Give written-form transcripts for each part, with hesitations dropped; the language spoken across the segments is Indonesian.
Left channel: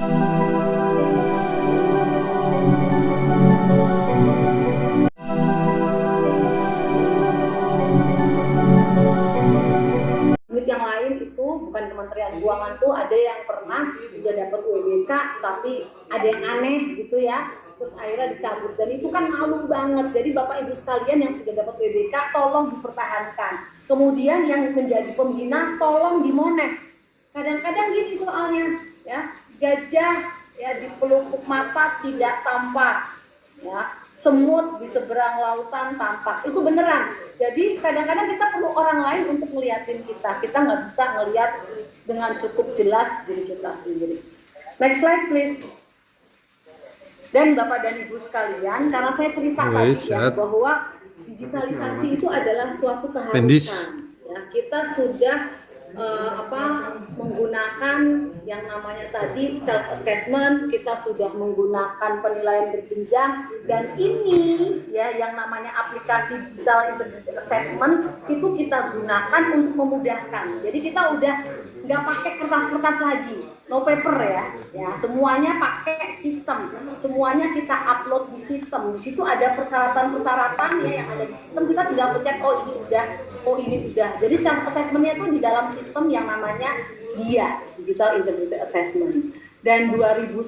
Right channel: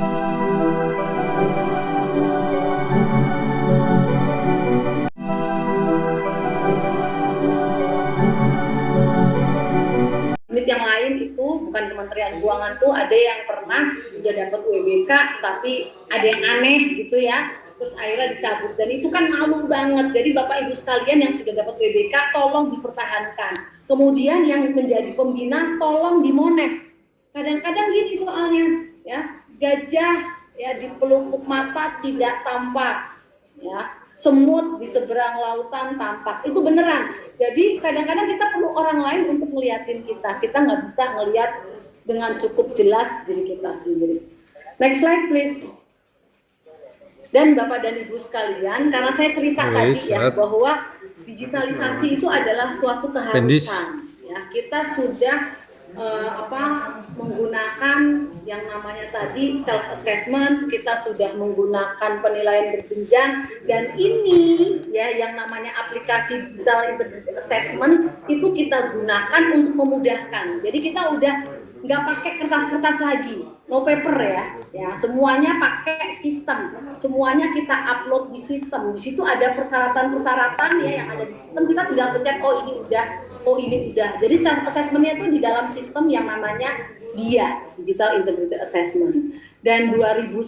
Unit yang lain itu bukan Kementerian Keuangan tuh ada yang pernah udah dapat WBK tapi ada yang aneh gitu ya, terus akhirnya dicabut, dan itu kan malu banget. Jadi Bapak Ibu sekalian yang sudah dapat WBK tolong dipertahankan, kemudian yang menjadi pembina tolong dimonef. Kadang-kadang gini soalnya ya, gajah ya di pelupuk mata tidak tampak ya, semut di seberang lautan tampak, itu beneran. Jadi kadang-kadang kita perlu orang lain untuk ngeliatin kita nggak bisa ngeliat dengan cukup jelas diri kita sendiri. Next slide please. Dan Bapak dan Ibu sekalian, karena saya cerita tadi ya bahwa digitalisasi itu adalah suatu keharusan ya, kita sudah menggunakan yang namanya tadi self assessment, kita sudah menggunakan penilaian berjenjang, dan ini ya yang namanya aplikasi digital integrated assessment itu kita gunakan untuk memudahkan. Jadi kita udah nggak pakai kertas-kertas lagi, no paper ya, semuanya pakai sistem, semuanya kita upload di sistem. Di situ ada persyaratan-persyaratan ya yang ada di sistem, kita tinggal pencet oh ini udah. Jadi self assessmentnya itu di dalam sistem yang namanya DIA, Digital Integrated Assessment. Dan 2019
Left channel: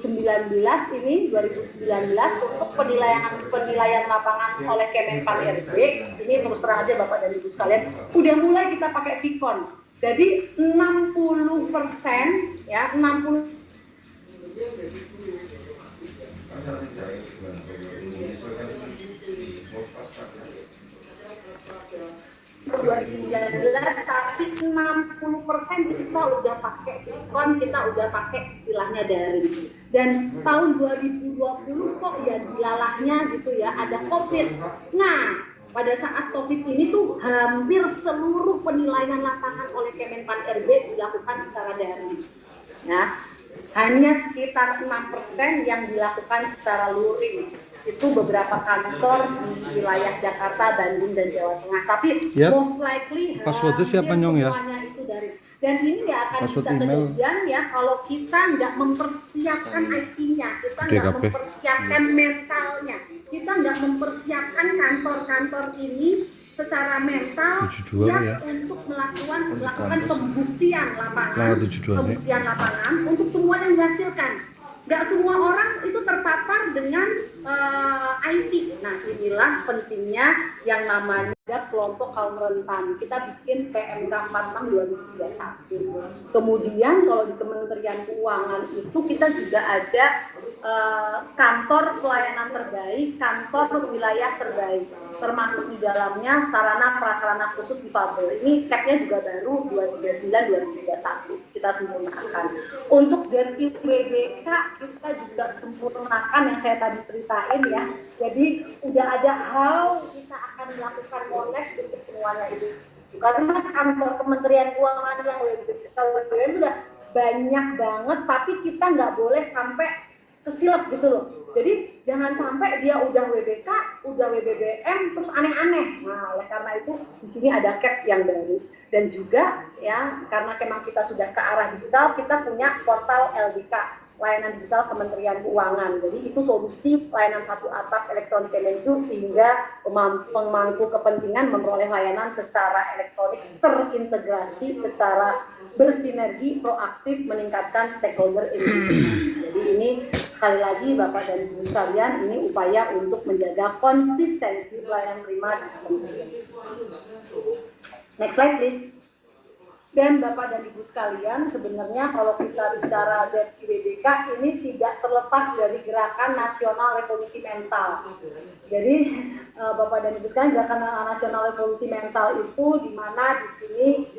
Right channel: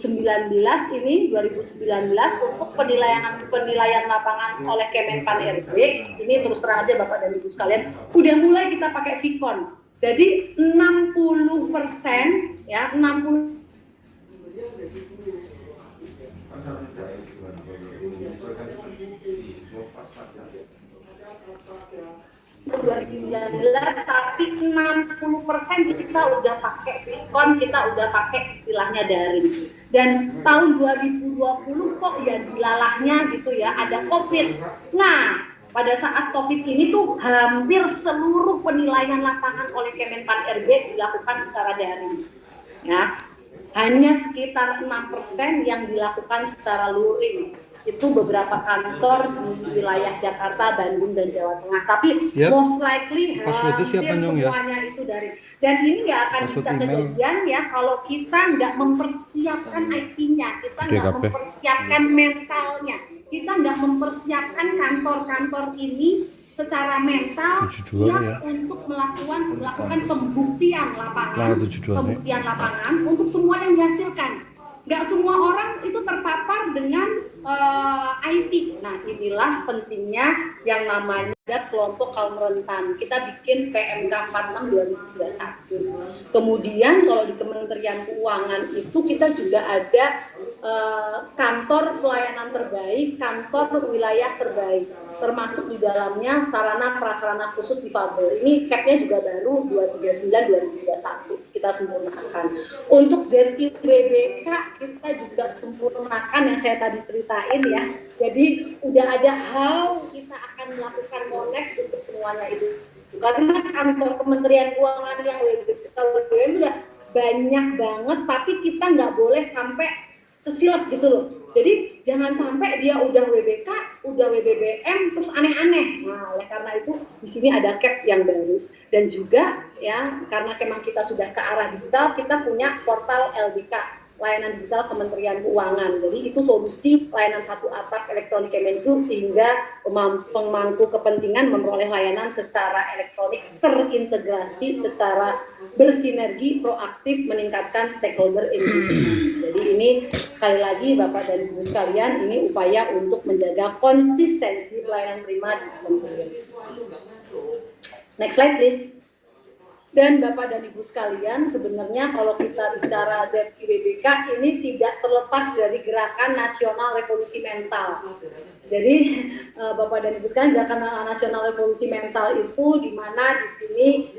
untuk penilaian lapangan oleh Kemenpan RB, ini terus terang aja Bapak dan Ibu sekalian, udah mulai kita pakai Vicon. Jadi 60% ya, 60 2019, tapi 60% kita udah pakai Vicon, kita udah pakai istilahnya daring. Dan tahun 2020 kok ya dilalahnya gitu ya, ada COVID. Nah, pada saat COVID ini tuh hampir seluruh penilaian lapangan oleh Kemenpan RB dilakukan secara daring. Ya, hanya sekitar 6% yang dilakukan secara luring. Itu beberapa kantor di wilayah Jakarta, Bandung, dan Jawa Tengah. Tapi most likely hampir semuanya itu dari. Dan ini nggak akan bisa kejadian ya kalau kita nggak mempersiapkan IT-nya, kita nggak mempersiapkan mentalnya, kita nggak mempersiapkan kantor-kantor ini secara mental siap untuk melakukan pembuktian lapangan untuk semua yang dihasilkan. Nggak semua orang itu terpapar dengan IT. Nah, inilah pentingnya yang namanya kelompok kaum rentan. Kita bikin PMK 46 2021. Kemudian kalau di Kementerian Keuangan itu kita juga ada kantor pelayanan terbaik, kantor wilayah terbaik, termasuk di dalamnya sarana prasarana khusus difabel. Ini cap-nya juga baru 2039-2021 kita sempurnakan. Untuk ZIWBK kita juga sempurnakan yang saya tadi ceritain ya. Jadi udah ada how kita akan melakukan connect untuk semuanya itu. Karena kantor Kementerian Keuangan yang WBK udah banyak banget, tapi kita nggak boleh sampai kesilap gitu loh. Jadi jangan sampai dia udah WBK, udah WBBM, terus aneh-aneh. Nah, oleh karena itu di sini ada cap yang baru. Dan juga ya, karena memang kita sudah ke arah digital, kita punya portal LDK, layanan digital Kementerian Keuangan. Jadi itu solusi layanan satu atap elektronik Kemenku sehingga pemangku kepentingan memperoleh layanan secara elektronik terintegrasi, secara bersinergi, proaktif, meningkatkan stakeholder engagement. Jadi ini sekali lagi Bapak dan Ibu sekalian, ini upaya untuk menjaga konsistensi pelayanan prima di Kementerian. Next slide please. Dan Bapak dan Ibu sekalian, sebenarnya kalau kita bicara ZIWBK ini tidak terlepas dari gerakan nasional revolusi mental. Jadi Bapak dan Ibu sekalian, gerakan nasional revolusi mental itu di mana di sini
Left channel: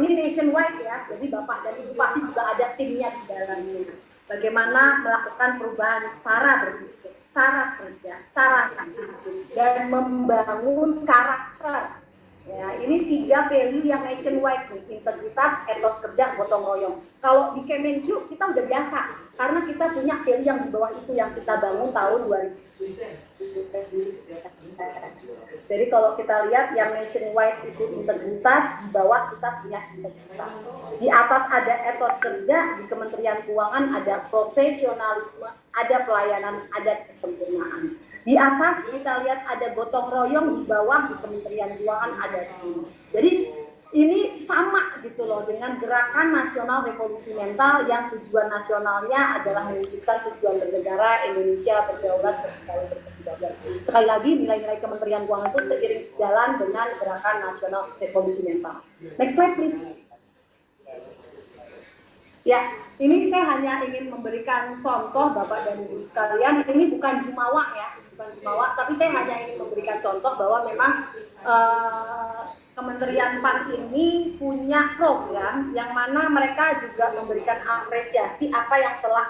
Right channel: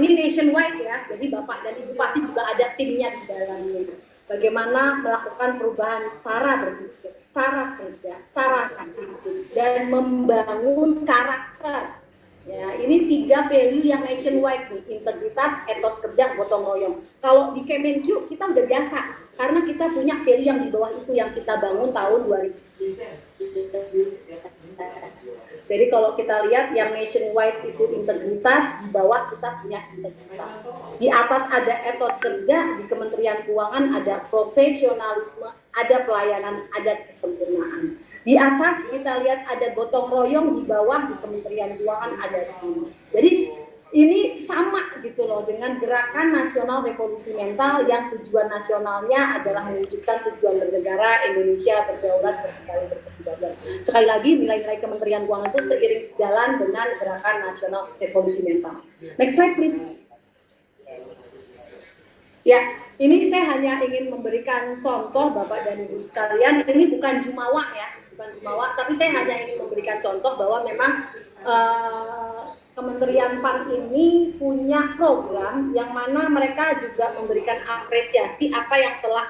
ini nationwide ya. Jadi Bapak dan Ibu pasti juga ada timnya di dalamnya. Bagaimana melakukan perubahan cara berpikir, cara kerja, cara aktivitas, dan membangun karakter. Ya, ini 3 value yang nationwide nih, integritas, etos kerja, gotong royong. Kalau di Kemenku kita udah biasa, karena kita punya value yang di bawah itu yang kita bangun tahun 2010. Jadi kalau kita lihat yang nationwide itu integritas, di bawah kita punya integritas. Di atas ada etos kerja, di Kementerian Keuangan ada profesionalisme, ada pelayanan, ada kesempurnaan. Di atas kita lihat ada gotong royong, di bawah di Kementerian Keuangan ada semua. Jadi ini sama gitu loh dengan gerakan nasional revolusi mental yang tujuan nasionalnya adalah mewujudkan tujuan bernegara Indonesia berdaulat berdikari berkedaulatan. Sekali lagi nilai-nilai Kementerian Keuangan itu seiring sejalan dengan gerakan nasional revolusi mental. Next slide please. Ya, ini saya hanya ingin memberikan contoh Bapak dan Ibu sekalian. Ini bukan jumawa ya, bukan jumawa, tapi saya hanya ingin memberikan contoh bahwa memang Kementerian PAN ini punya program yang mana mereka juga memberikan apresiasi apa yang telah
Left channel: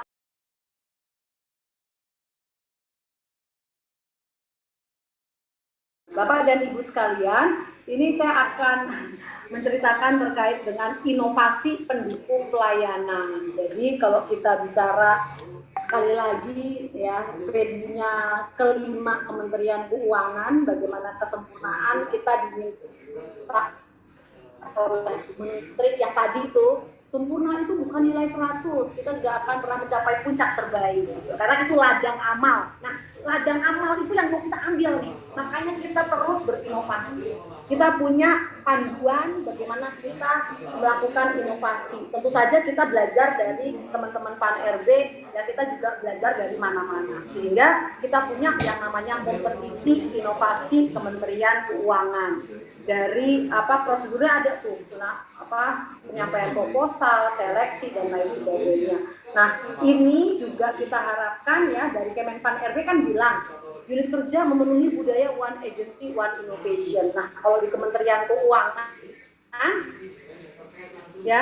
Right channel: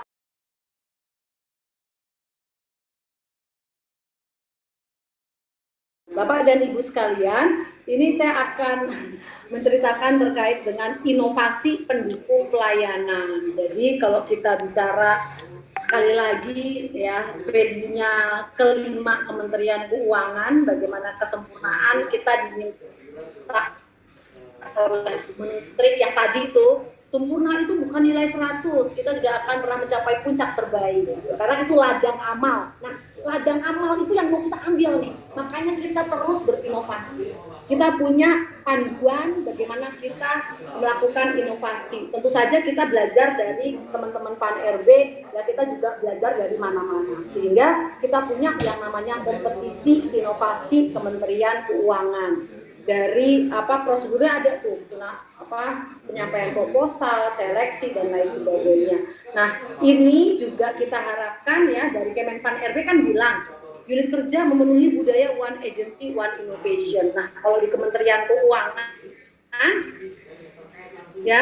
Bapak dan Ibu sekalian, ini saya akan menceritakan terkait dengan inovasi pendukung pelayanan. Jadi kalau kita bicara sekali lagi ya, value-nya kelima Kementerian Keuangan, bagaimana kesempurnaan kita diminta menteri yang tadi itu, sempurna itu bukan nilai 100, kita tidak akan pernah mencapai puncak terbaik karena itu ladang amal. Nah, ladang amal itu yang mau kita ambil nih, makanya kita terus berinovasi. Kita punya panduan bagaimana kita melakukan inovasi. Tentu saja kita belajar dari teman-teman PAN RB, ya kita juga belajar dari mana-mana, sehingga kita punya yang namanya kompetisi inovasi Kementerian Keuangan. Dari prosedurnya ada tuh, penyampaian proposal, seleksi dan lain sebagainya. Nah, ini juga kita harapkan ya dari Kemenpan RB kan bilang unit kerja memenuhi budaya one agency one innovation. Nah, kalau di Kementerian Keuangan ya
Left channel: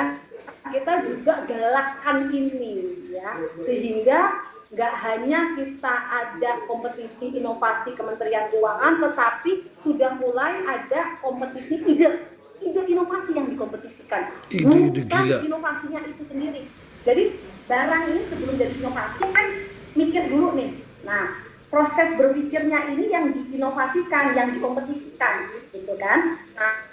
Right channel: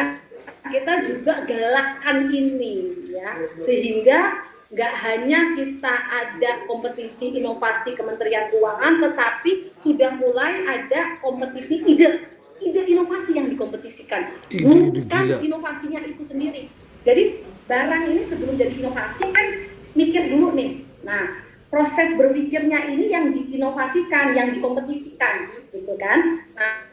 kita juga galakkan ini ya, sehingga nggak hanya kita ada kompetisi inovasi Kementerian Keuangan, tetapi sudah mulai ada kompetisi ide inovasi yang dikompetisikan. Bukan inovasinya itu sendiri. Jadi barang ini sebelum jadi inovasi kan mikir dulu nih. Nah, proses berpikirnya ini yang diinovasikan, yang dikompetisikan, gitu kan? Nah,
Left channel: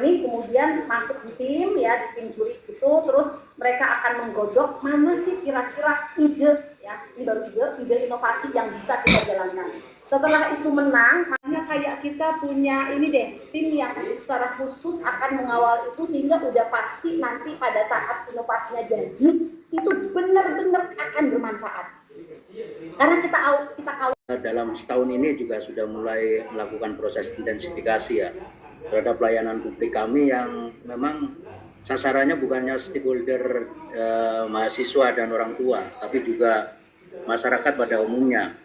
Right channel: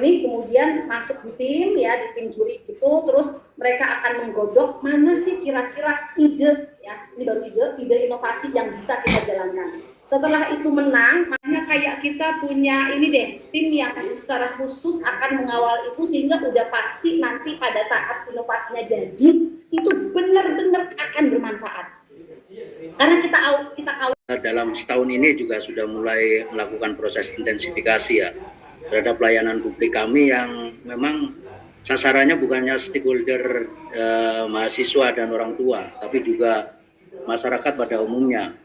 ini kemudian masuk di tim ya, di tim juri itu, terus mereka akan menggodok mana sih kira-kira ide ya, ini baru ide inovasi yang bisa kita jalankan. Setelah itu menang, makanya kayak kita punya ini deh, tim yang secara khusus akan mengawal itu sehingga udah pasti nanti pada saat inovasinya jadi itu benar-benar akan bermanfaat. Karena kita dalam setahun ini juga sudah mulai melakukan proses intensifikasi ya terhadap pelayanan publik kami yang memang sasarannya bukannya stakeholder mahasiswa dan orang tua, tapi juga masyarakat pada umumnya.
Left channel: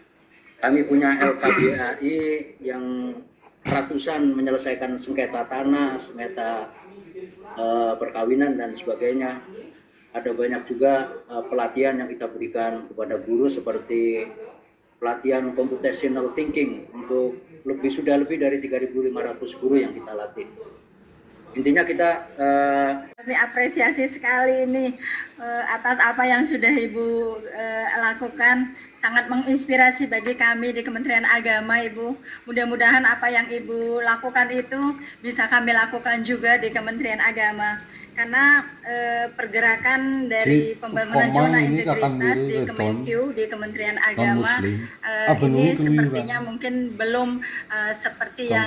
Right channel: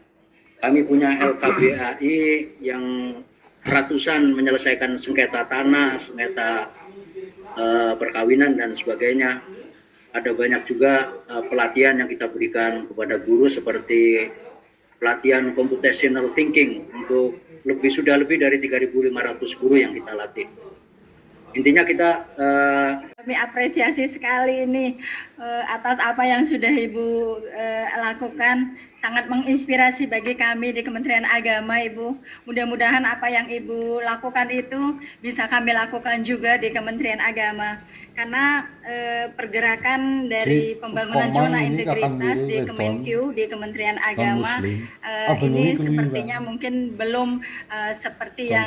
Kami punya LKBAI yang ratusan menyelesaikan sengketa tanah, sengketa perkawinan dan sebagainya. Ada banyak juga pelatihan yang kita berikan kepada guru seperti pelatihan computational thinking untuk sudah lebih dari 3.500 guru yang kita latih. Intinya kita kami apresiasi sekali ini atas apa yang sudah Ibu lakukan, sangat menginspirasi bagi kami di Kementerian Agama, Ibu. Mudah-mudahan apa yang Ibu lakukan itu bisa kami lakukan juga di Kementerian Agama. Karena pergerakan dari pembangunan zona integritas di Kemenq, di Kementerian Agama ini sepertinya mungkin belum seperti yang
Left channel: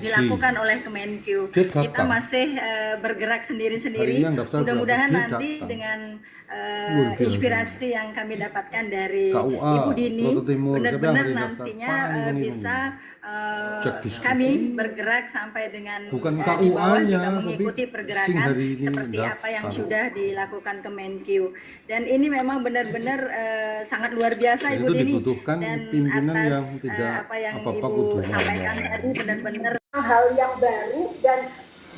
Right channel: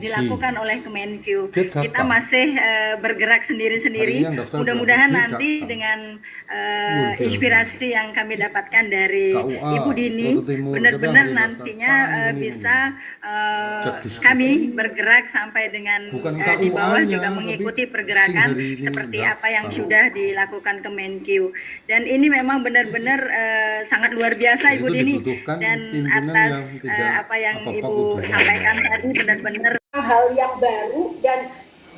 dilakukan oleh Kemenq. Kita masih bergerak sendiri-sendiri. Mudah-mudahan nanti dengan inspirasi yang kami dapatkan dari Ibu Dini, benar-benar nantinya bisa kami bergerak sampai dengan di bawah juga mengikuti pergerakan seperti apa yang sudah dilakukan Kemenq. Dan ini memang benar-benar sangat luar biasa Ibu Dini, dan atas apa yang Ibu sampaikan tadi benar-benar hal yang baru dan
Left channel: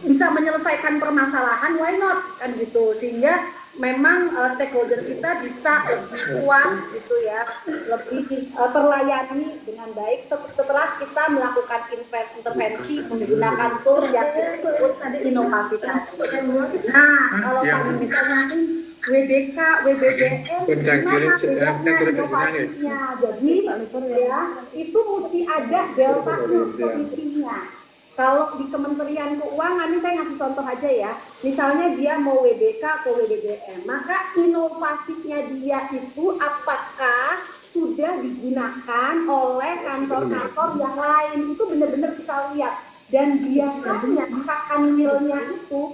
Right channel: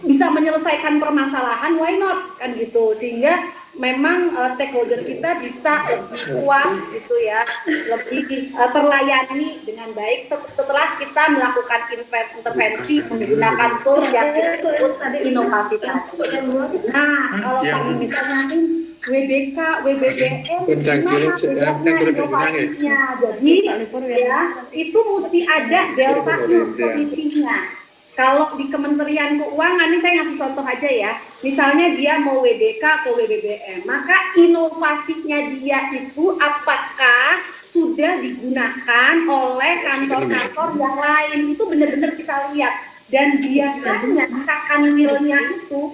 bisa menyelesaikan permasalahan, why not kan gitu, sehingga memang stakeholder kita bisa lebih puas gitu ya, lebih terlayani dengan baik setelah kita melakukan intervensi menggunakan tools yang disebut inovasi tadi. Nah, kalau tadi misalnya WBK, WBBM, Pencangkilan inovasinya. Jadi ya itu mesti ada delta selisihnya. Kalau di Kementerian Keuangan, ini saya ngasih contoh aja ya. Misalnya dia mau WBK ke WBBM, maka inovasinya dia itu apakah sudah digunakan oleh kantor-kantor yang lain? Itu benar-benar kita lihat. Dan biasanya akan nilainya itu,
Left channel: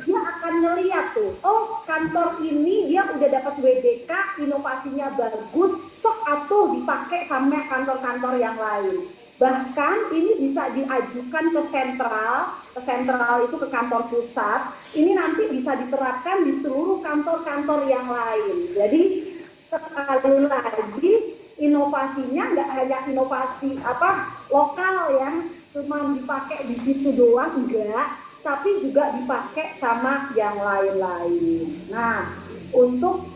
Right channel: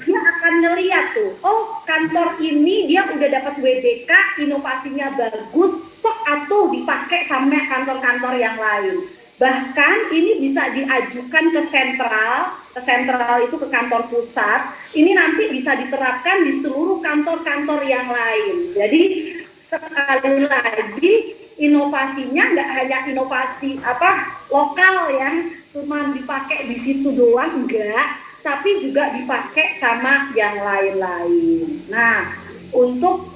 dia akan ngeliat tuh, oh kantor ini dia udah dapat WBK, inovasinya bagus, sok atuh dipakai sama kantor-kantor yang lain. Bahkan ini bisa diajukan ke sentral itu ke kantor pusat, ini nanti bisa diterapkan di seluruh kantor-kantor yang lain. Jadi sekali lagi inovasinya nggak hanya inovasi lokal ya, cuman dipakai di situ doang enggak, tapi juga dipakai sama yang lain-lain. Nah, untuk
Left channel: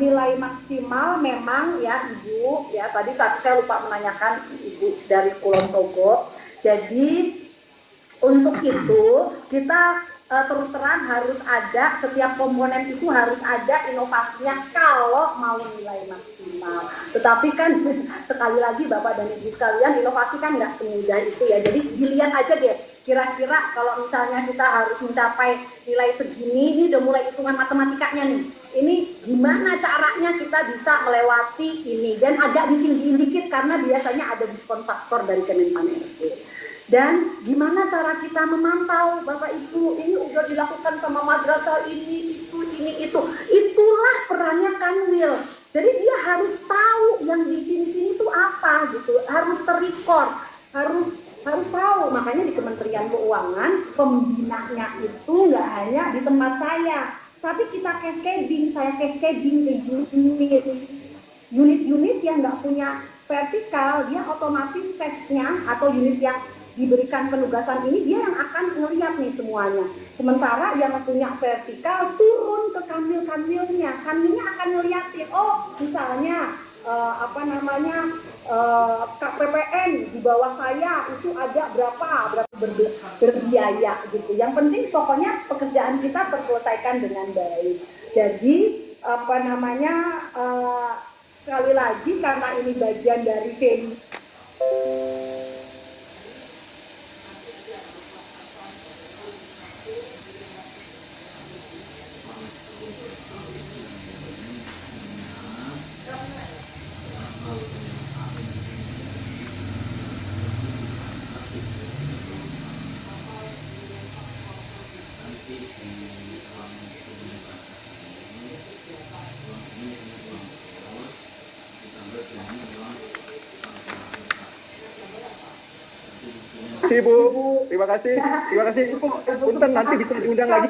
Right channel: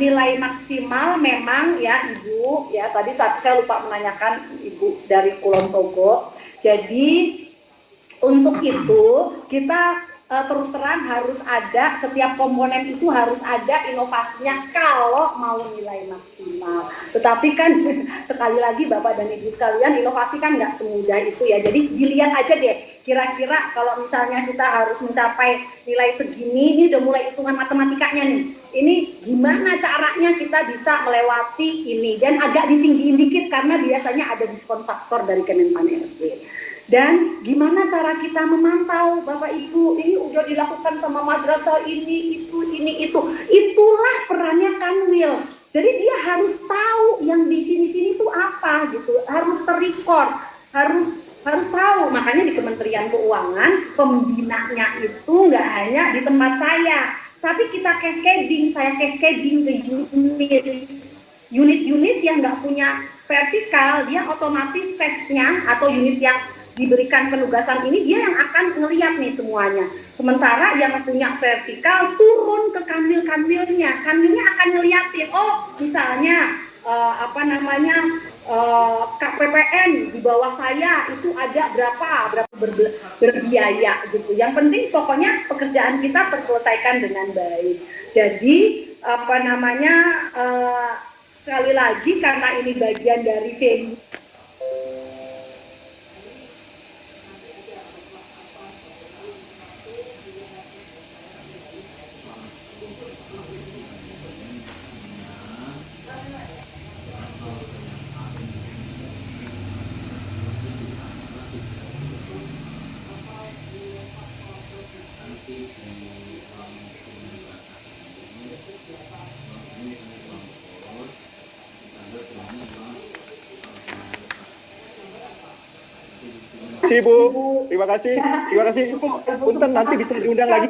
nilai maksimal memang ya Ibu, ya tadi saya lupa menanyakan Ibu dari Kulon Progo. Jadi untuk itu kita terus terang harus ada, setiap komponen itu harus ada inovasinya kalau mau nilai maksimal. Tetapi kan sekali lagi Bapak dan Ibu sekalian, inovasi kan nggak semudah itu ya. Jadi dilihat aja deh, kira-kira kalau misalnya kita harus mencapai nilai segini, ini udah mulai hitungan matematikanya nih. Ini gimana caranya kita bisa melewati ini, dan agak ditinggiin dikit karena biasanya ada diskon faktor dari Kemenpan-RB. Dan gimana cara kita memantau, Bapak Ibu, ini udah dilakukan sama madrasah ini, itu. Itulah perannya Kanwil. Jadi dia harus tahu yang di sini-sini itu apa gitu, harus terrecord, harus tahu. Makanya di Kementerian Keuangan pembinanya itu nggak hanya di tempat saya, tapi kita cascading, saya cascading ke unit-unit yang nggak punya vertikal, dia otomatis sesnya atau unit yang diberikan penugasan ini dia yang akan ngelihat nih semuanya. Sementara yang punya vertikal turun ke kanwil-kanwilnya, kanwilnya akan ngeliatin, oh misalnya KPPN di bawah saya itu ada berapa berbiaya gitu. Yang penting pokoknya pekerjaan kita terselesaikan dengan baik. Jadi sekali lagi karena ini bagian dari venue. Terima kasih Bu, terima kasih Ibu. Punten nanti bisa diundang lagi